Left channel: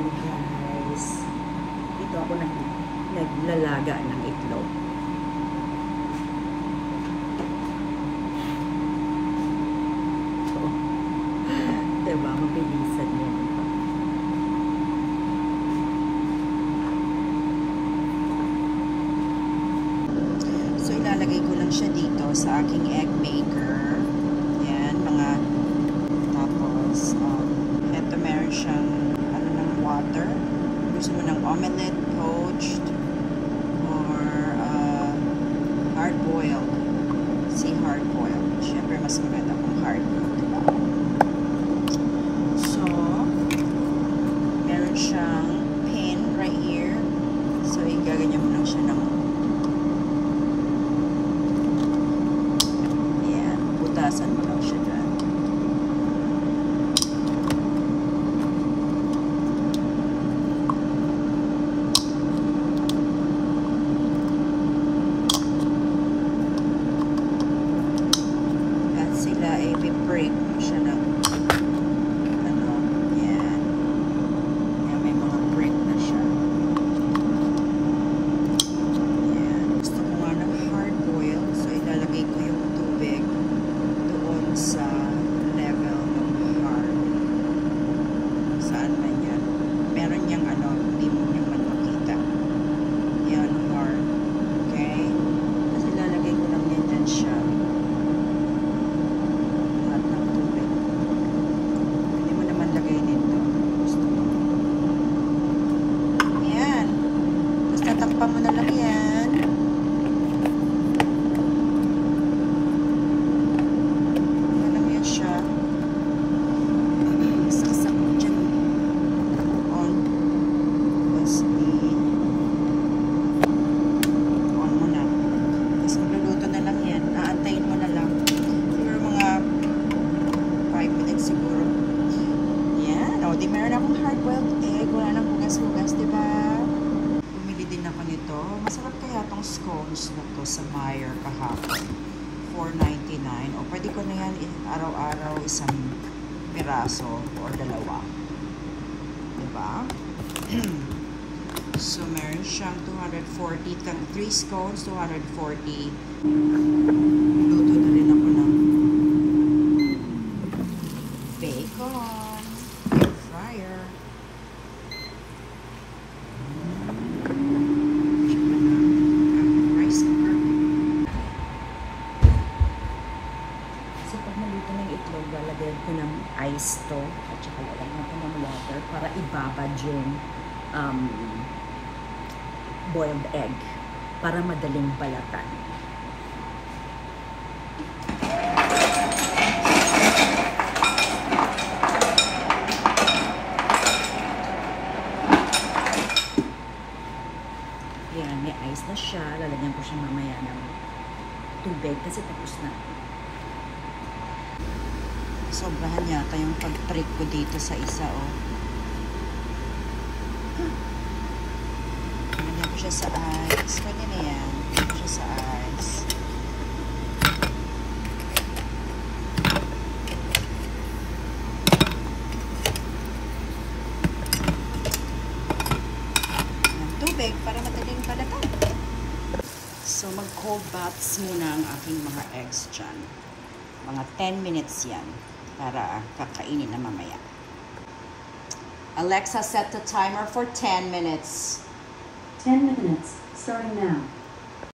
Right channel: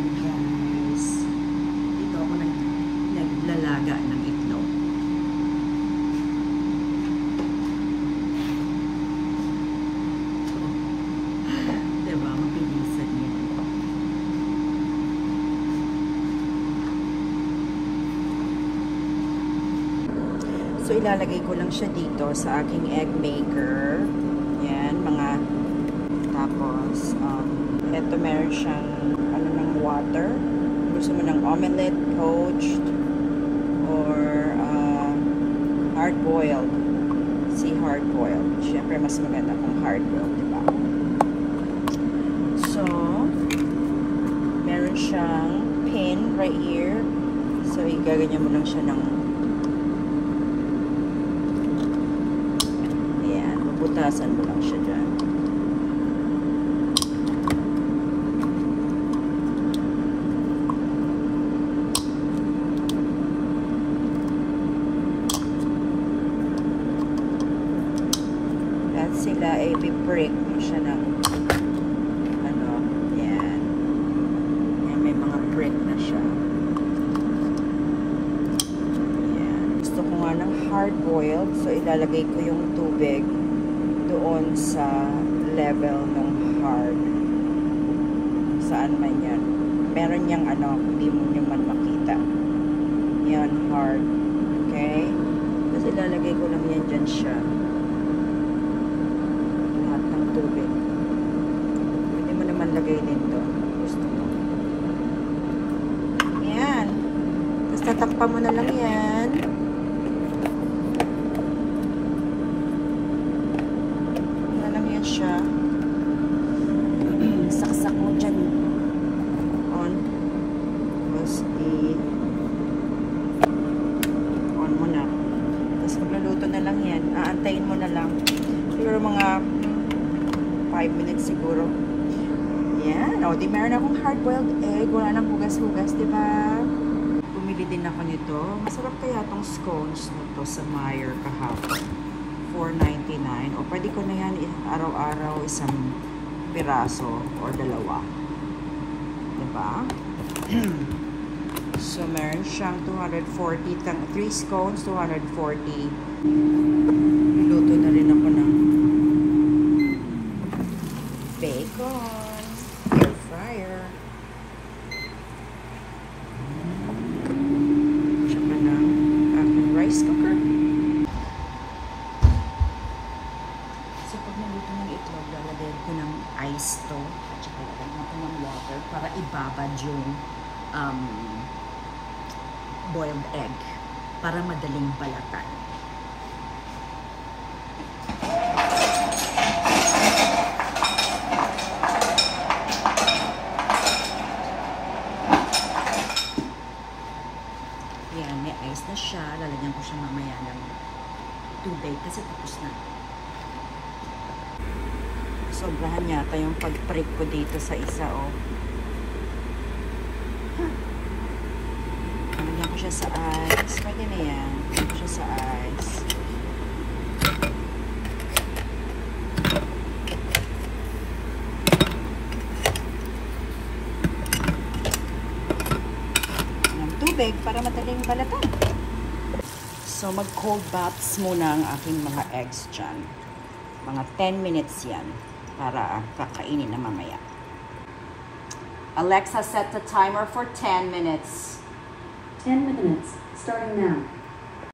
morning guys. Dito ako naglalaga ng itlog. So, diba? Mabilisan yan. So, ilalagay ko lang siya dito sa aking egg maker. Yan, mga tapos, eto meron siyang ng water. Gusto mo ng omelette, poached, or hard-boiled. Si hard-boiled. Siyempre, mas maganda kung hard-boiled, diba? So, meron siyang pin right here. So, igaganyan mo lang siya ng ayan, mabutasan mo lang siya dyan. Sila ay i-break mo siya ng ano, yan. Yan, may mga break na siya. Yan. Gusto ko nga ng hard-boiled, so ilalagay ko yung tubig doon sa level ng hard. Saan man yan. Meron niyang ano, hindi mo nyo man makita. Yan, hard. Okay? Tapos ilalagay ko lang yan dyan siya. Lagay dito. Gusto mo. Ayan. Tapos tatakpan mo na lang yan. Na lang yan siya. Saksak mo dyan. On. Tapos on mo na. Tapos magluluto na lang yan. Aantayin mo na lang. Siguro mga 5 minutes siguro. Yan. O, di meron akong hard-boiled egg. Wala nang hugas-hugas, diba? Bumili din ako nito. Masarap kaya tong scones na to sa Meijer kahapon. $4.99. O, pwede ko na yan araw-araw isang piraso or dalawa. Diba? So, meron siyang 240. 3 scones, 240. Luto na rin ako ng bacon. Lalagyan ko ng ice to at saka lalagyan ko ng water para ibabad yung boiled egg para madaling balatan. Yan, may ice na siya. Lalagyan ko siya mamaya ng tubig kasi tapos na. Sobrahan yata yung pag-prick ko dito sa isa, oh. Lagyan ko siya sa ice. Pwede na yan. Lagyan ko siya sa ice. Ang tubig para madaling balatan. So, mag-cold baths muna ang aking mga eggs dyan. Mga 10 minutes yan. Para kakainin na mamaya. Alexa, set the timer for 10 minutes. 10 minutes, starting now.